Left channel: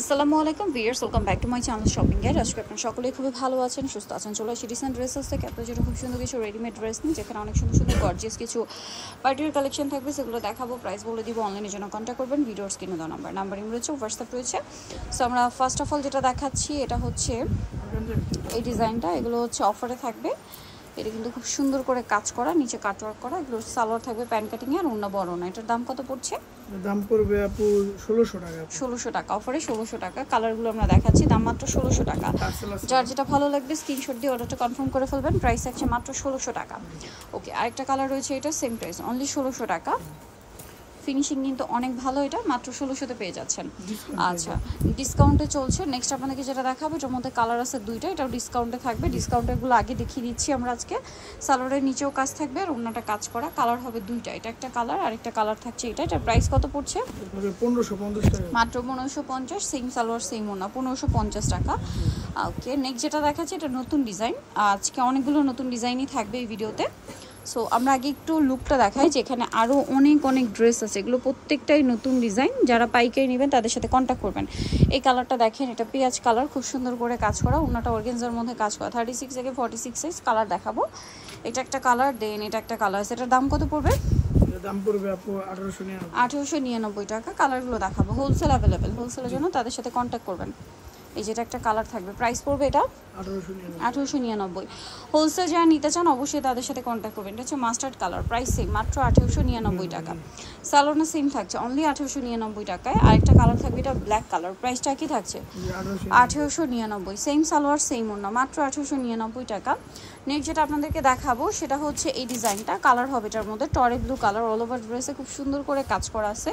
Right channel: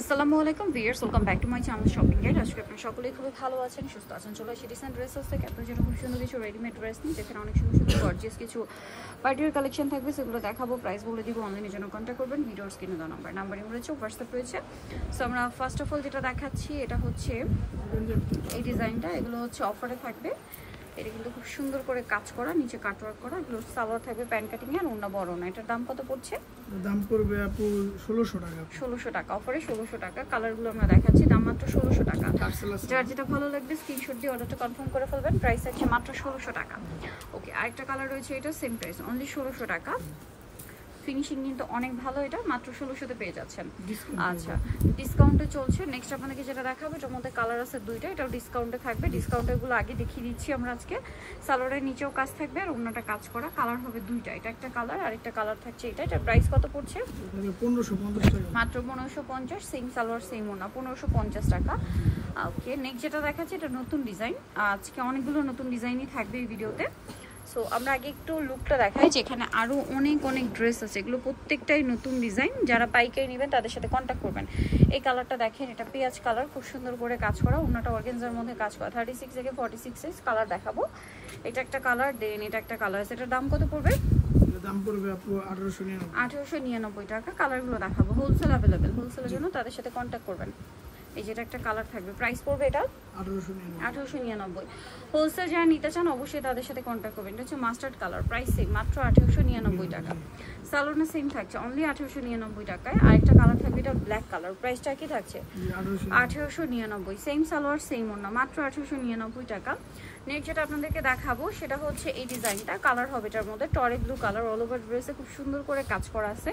আসসালামু আলাইকুম viewers, welcome back to my channel shopping guide. আজকে আপনারা সকলেই খুবই ভালো আছেন, সুস্থ আছেন। চলে আসি ডিসেন্ট ড্রেসেস থেকে আপনারা যেটা খুব সুন্দর কিছু রেডিমেড ড্রেস নিই, যেখানে অনেক সুন্দর সুন্দর গর্জিয়াস কিছু পার্টির কালেকশন থাকবে, সেগুলো দেখাবো। প্রাইস বলে দিব, অনলাইনের জন্য কন্ট্যাক্ট করবেন। ভিডিওর স্ক্রিনে দেওয়া নাম্বার রয়েছে, হোয়াটসঅ্যাপ রয়েছে। সো আমরা ফার্স্ট অফ অল যেটা দেখাচ্ছি, এটা হচ্ছে এই ডিজাইনটা। এগুলো হচ্ছে অফারে থাকবে। এটা কিন্তু খুব সুন্দর করে কাজ করা, নিচে কাটওয়ার্ক করা। এগুলো সালোয়ার থাকবে প্যান্ট কাটিং এর, ওন্না বড় না। এটার দাম কত পড়ছে? দাম পড়বে আপু 1600 টাকা। 1600 টাকা অফারে, 1600 টাকা। কালারগুলো আমরা দেখাচ্ছি, দাম মাত্র 1600 টাকা। যার যেটা ভালো লাগবে স্ক্রিনশট দিয়ে অর্ডারটা কনফার্ম করে ফেলবেন। প্রাইস আছে মাত্র 1600 টাকা। ওকে, আরেকটা কালার রয়েছে, এটা সেম প্রাইস, অনলি 1600 টাকা। ফিনিশিং কিন্তু অনেক ভালো, এটা মাত্র 1600 তে পেয়ে যাচ্ছেন। আচ্ছা, ডিসকাউন্টে চলছে। নেক্সট আপনাদেরকে যেটা দেখাবো, এটার মধ্যে কালার আছে দুইটা, এটাও ডিসকাউন্টে থাকবে। ডিসকাউন্টেরগুলো আগে দেখিয়ে দিচ্ছি আমরা আজকে। সালোয়ারের নিচেও কাজ থাকবে আর ওন্নাটা কাজ করা। কালার হবে দুইটা, এটা একটা কালার, আরেকটা কালার থাকছে এটা। এটার প্রাইস কত পড়ছে? 1550 টাকা, মাত্র 1550। সেম সালোয়ার সেম ওন্না, 1550 টাকা। ওকে, নেক্সট যেটা দেখাচ্ছি, এটা নতুন ডিজাইন। আজকে অনেকগুলো নতুন ডিজাইনই থাকবে এই ভিডিওতে। সো আমরা আগে একটু লুকটা দেখাই, যেখানে আরও অনেক ড্রেস আছে। এগুলো প্রত্যেকটাই নতুন ডিজাইন। যারা পাইকারি নেবেন তাদের সাথে কন্ট্যাক্ট করবেন। এই কালারটা দেখেন, এটা পেঁয়াজ কালার, খুব সুন্দর করে কাজ করা। ওনাটা অর্গানজার মধ্যে কাজ করা। 36 থেকে 46 সাইজ। কালার দেখাবো। এটা একটা কালার, দেন এটা একটা কালার। এটার দাম কত পড়বে? এর দাম পড়বে আপু 1899। 1899 টাকা। কালারগুলো দেখাবো। হোলসেল অ্যাভেলেবেল, হোলসেলের জন্য তাদের সাথে কন্ট্যাক্ট করবেন। এই যেটা একটা কালার থাকবে, প্রাইস পড়বে এটা 1899। হোলসেল যারা নিতে চান অবশ্যই তাদের সাথে কন্ট্যাক্ট করবেন। এটা হচ্ছে মাস্টার্ড কালার, প্রাইস সেম, মাত্র 1899 টাকা। সালোনা সেম থাকছে, অনলি 1899 টাকায়। আরেকটা কালার থাকবে, এটা ব্ল্যাক কালার, প্রাইসটা কি থাকছে? 1899। সেম সালোয়ার সেম ওন্না, মাত্র 1899 টাকা। নেক্সট যেটা আপনাদেরকে দেখাবো, সেটা হচ্ছে এই ডিজাইনটা। কালার হবে এটার মধ্যে টরে ব্লু কালার। অল ওভার ড্রেসে খুব সুন্দর করে কাজ করা আছে।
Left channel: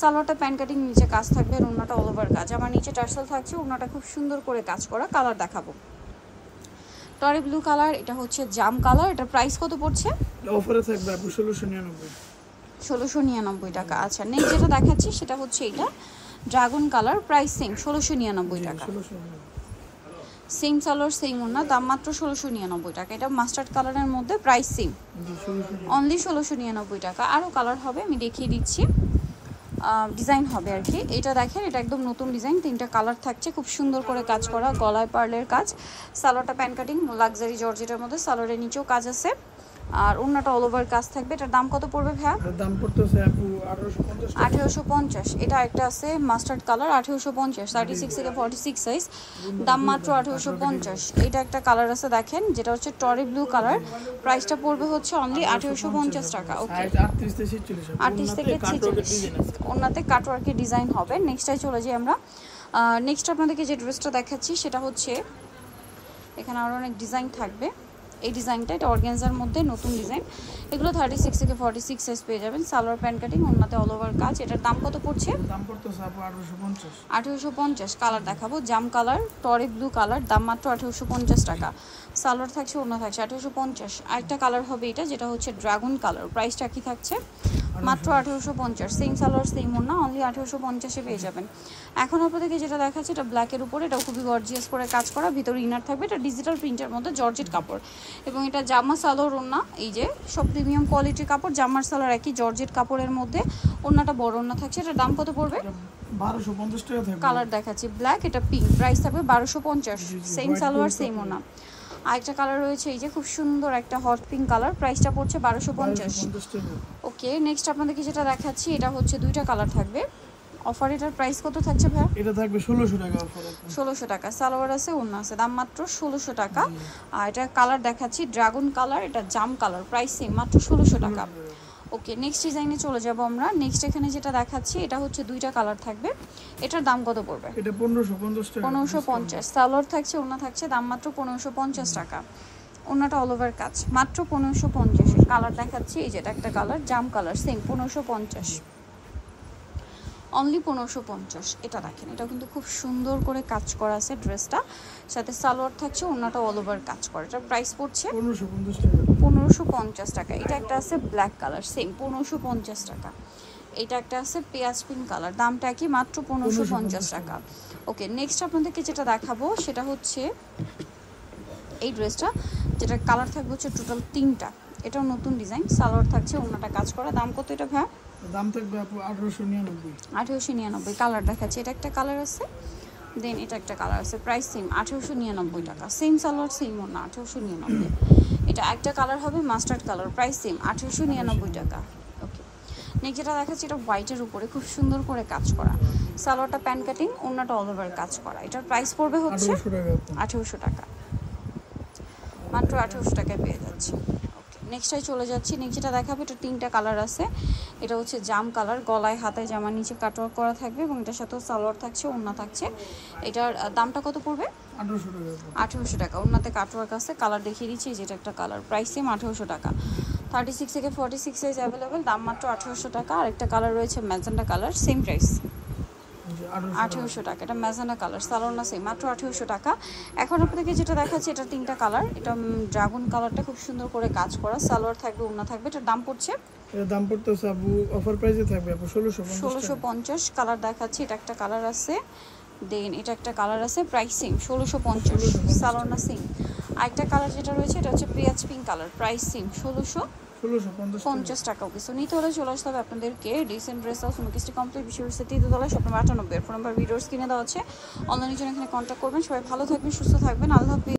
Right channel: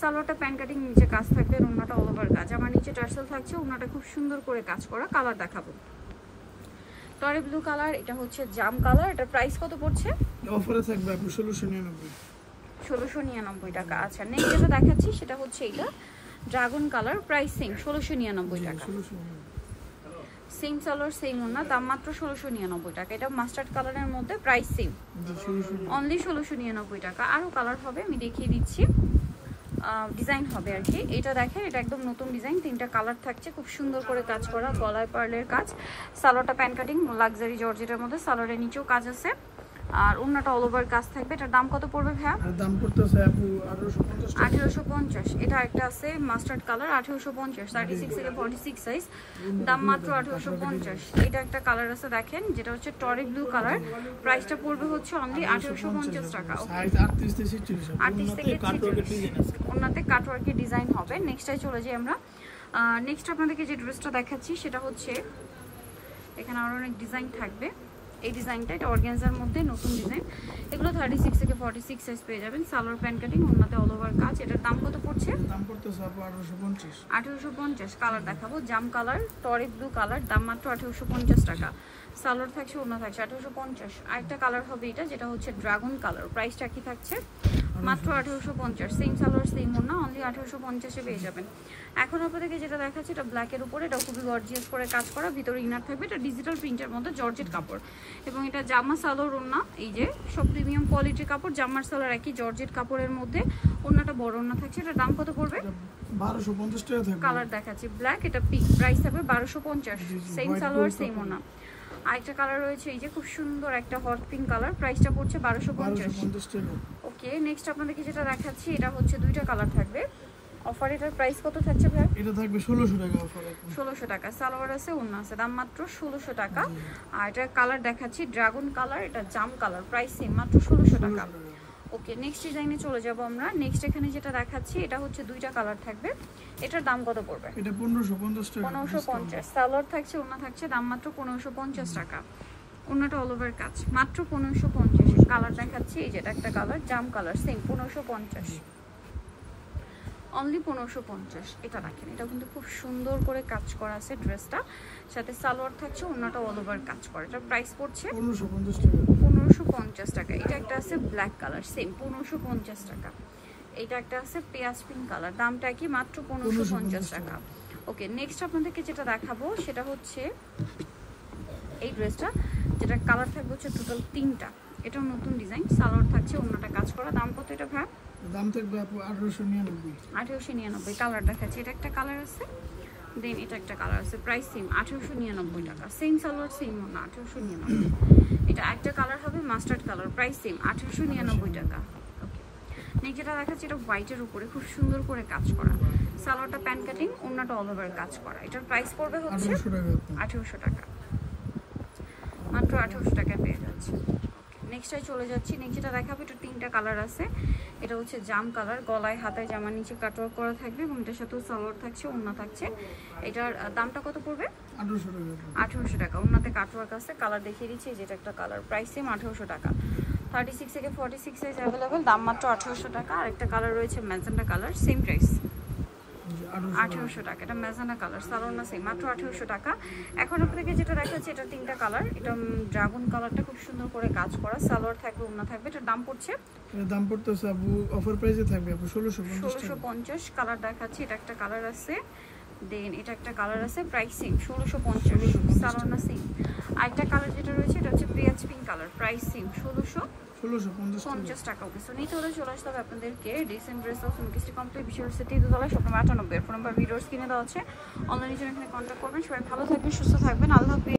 সালোয়ারটা প্যান্ট কাটিং, নিচে কাজ থাকবে, ওন্নাটা অল ওভার কাজ। আমার নিচে টার্সেল থাকছে, ওন্নাটা খুব সুন্দর করে কাজ করা। কালার দেখাবো, টরে ব্লু কালার। এটা হচ্ছে জাম কালার। এটার প্রাইস কত পড়ছে? অফারে থাকবে আপু 1699। 1699 টাকা। আচ্ছা, নেক্সট যেটা দেখাচ্ছি সেটা হচ্ছে এটা ড্রাগন কালার, প্রাইস সেম, 1699 টাকা। সেম সালোয়ার সেম ওন্না, দাম মাত্র 1699 টাকা। এটা মাস্টার্ড কালারের মধ্যে, প্রাইস সেম, অনলি 1699 টাকা। আরও কালার হবে, আমি দেখিয়ে দিচ্ছি। ডিজাইন হবে আর কি। এটা দেখেন, এটা একদম নতুন ডিজাইন। তিনটা কালার থাকছে, খুব সুন্দর করে কাজ করা, গলায় পার্লের কাজ। সালোয়ারটা প্যান্ট কাটিং, লাক্সারি জর্জেটের মধ্যে। সালোয়ারের নিচেও কাজ আছে আর ওন্নাটা অল ওভার কাজ থাকবে। এটার দাম কত পড়বে ভাইয়া? দাম পড়তেছে আপু 1850 টাকা। 1850। এটা একটা আছে মাস্টার্ড কালার, 1850, 36 থেকে 46 সাইজ। দাম মাত্র 1850। এটা একটা কালার আছে দেখেন, যেটা হচ্ছে টরি ব্লু কালার। প্রাইসটা পড়বে হচ্ছে অনলি 1850 টাকা। ওকে, 38 থেকে 46। 38 থেকে 46। ওন্নাতে কাটওয়ার্কের ডিজাইন হবে। নেক্সটটাই চলে যাই আমরা। নেক্সট আপনাদেরকে যে ড্রেসটা দেখাচ্ছি সেটা হচ্ছে, এখানে আরও অনেক ডিজাইন থাকবে। এই ডিজাইনটা, এটা অর্গানজার মধ্যে নতুন ডিজাইন। এগুলো 36 থেকে 46 সাইজ পেয়ে যাবেন। সালোয়ার প্যান্ট কাটিং, ওন্নাতে অল ওভার কাজ। এটার দাম কত পড়ছে? দাম পড়তেছে আপু 1850। 1850। কালার দেখাবো, জাম কালার, টরি ব্লু কালার, দাম মাত্র 1850 টাকা। সালোয়ার থাকছে, ওন্না থাকছে, 1850। আরেকটা কালার হবে এটা, যেটা হচ্ছে ড্রাগন কালার। প্রাইসটা কি থাকছে? মাত্র 1850। সেম সালোয়ার সেম ওন্না, অনলি 1850-এ পেয়ে যাবেন। এখন আপনাদেরকে যেটা দেখাচ্ছি, এটা ব্ল্যাকের উপরে। এটা খুবই গর্জিয়াস করে কাজ করা, ভিতরে ইনার থাকবে। এটা ডিজিটাল প্রিন্টের মধ্যে জর্জেট কাপড়, এবং এটা জামা সালোয়ার ওন্না। এই যে সব প্রিমিয়াম কোয়ালিটির কাপড়, জামার সালোয়ার একই জর্জেট কাপড়ের মধ্যে। ওন্নাটা বড় ওন্না থাকছে। এটার দাম কত পড়বে? 1250 টাকা থাকবে। কালার দেখাচ্ছি ব্ল্যাক, এটা পিঙ্ক। প্রাইস থাকবে 1250। সেম সালোয়ার সেম ওন্না। আরেকটা কালার রয়েছে, এই যে খুব সুন্দর একটা হট পিঙ্ক কালার। প্রাইসটা পড়ছে 1250 টাকা। ওকে, নেক্সট আপনাদেরকে যেটা দেখাচ্ছি, এটা হচ্ছে দুইটা কালার থাকবে অফার। এটার প্রাইস কত থাকছে ভাই? এটা থাকবে 1600 টাকা অফারে। 1600 টাকা। সালোয়ার আছে, ওন্না আছে, দাম মাত্র 1600 টাকা। আর এটা কালার দেখাচ্ছি ড্রাগন কালার, এটা জাম কালার। প্রাইস সেম, মাত্র 1600 টাকা। ওকে, নেক্সট ডিজাইনে চলে যাব আমরা। নেক্সট এখানে যেটা দেখাচ্ছি, এটা হচ্ছে দুইটা কালার থাকবে। এটার দাম কত পড়বে? এটা 1550 টাকা। 1550। সালোয়ার থাকছে, ওন্না থাকছে, দাম মাত্র 1550 টাকা। ওন্নাটা অল ওভার কাজ, মাত্র 1550। কালার দেখাচ্ছি, এই যেটা একটা কালার, জাম কালার, সেম 1550, অনলি 1550। এটা দেখেন, এটা কিন্তু খুব সুন্দর করে কাজ করা আছে ড্রেসটা। সাথে সালোয়ার থাকছে, ওন্নাটা অল ওভার কাজ করা। এটা প্রাইস পড়ছে 1550 টাকা। 1550 টাকা। এটা একটা আছে ব্ল্যাক কালার, সেম 1550 টাকা। এটা একটা আছে পেঁয়াজ পিঙ্ক কালার, দামটা কি? মাত্র 1550 টাকা। ওকে, নেক্সট আপনাদেরকে যেটা দেখাবো সেটা হচ্ছে এই ড্রেসটা, যেটা কালার থাকবে হচ্ছে টোটাল 3টা। এটাও নতুন ডিজাইন। সালোয়ার থাকছে, ওন্নাটা কাজ করা। দাম কত এটা ভাই? দাম থাকবে আপু 1899। 1899। কালার দেখাচ্ছে, এটা একটা কালার আছে, দেন এটা একটা কালার আছে, প্রাইস সেম 1899 টাকা, সেম সালোয়ার সেম ওড়না 1899। এটা একটা কালার হবে মাস্টার্ড কালার, প্রাইস সেম 1899 টাকা। ওকে, নেক্সট যেটা দেখাচ্ছি এটা হোয়াইটের উপরে খুব সুন্দর করে কাজ করা, সালোয়ারটা প্যান কাটিং, ওড়নাটা অল ওভার কাজ করা। এটার প্রাইস পড়বে হচ্ছে 1800 টাকা, মাত্র 1800 টাকায় পেয়ে যাচ্ছি। নেক্সটটাই চলে যাচ্ছি, নেক্সট যেটা দেখাবো এটা তিনটা কালার আছে। এটা হচ্ছে জাম কালার, গলায় হাতায় জামার নিচে কাটওয়ার্ক করা থাকবে এবং এটার সাথেও সালোয়ার থাকছে, ওড়না থাকছে। এটার দামটা কত পড়বে? 1800 টাকা। ওড়নাতে কাটওয়ার্ক আছে, কালার দেখিয়ে দিচ্ছি, যেটা একটা কালার, প্রাইস সেম 1800 টাকা। 36 থেকে 46 সাইজ অ্যাভেলেবেল, দাম মাত্র 1800 টাকা। আরেকটা কালার রয়েছে ম্যাজেন্ডা কালার, সেম প্রাইস 1800 টাকা। এটা ম্যাজেন্ডা কালার, সালোয়ারটা সেম, মাত্র 1800 টাকা। এখন আপনাদেরকে যেটা দেখাচ্ছি এটা তিনটা কালার, এটা ড্রাগন কালারটা খুব সুন্দর করে কাজ করা, সালোয়ার থাকবে, ওড়না থাকবে। এটার দাম পড়ছে, এর দাম পড়তেছে আপু অফার প্রাইসে থাকবে আপু 1650 কালার দেখাচ্ছি। এটা একটা কালার আছে, দেন এটা একটা কালার আছে, প্রাইস সেম 1650, সালোয়ারটা সেম। আরেকটা কালার যেটা রয়েছে এটা হচ্ছে পেঁয়াজ পিঙ্ক কালার, প্রাইস সেম 1650 টাকা। ওকে, সো নিতে হলে চলে আসতে হবে আপনাদেরকে ডিসেন্ট ড্রেস হাউস মুকেশটি কমপ্লিট বিশ্ববিদ্যালয় 3 shop number 98। Phone number videos কিনে দেওয়া আছে, অনলাইনের জন্য এখানে কন্ট্যাক্ট করবেন। সবাই ভালো থাকবেন, সুস্থ থাকবেন, আল্লাহ হাফেজ।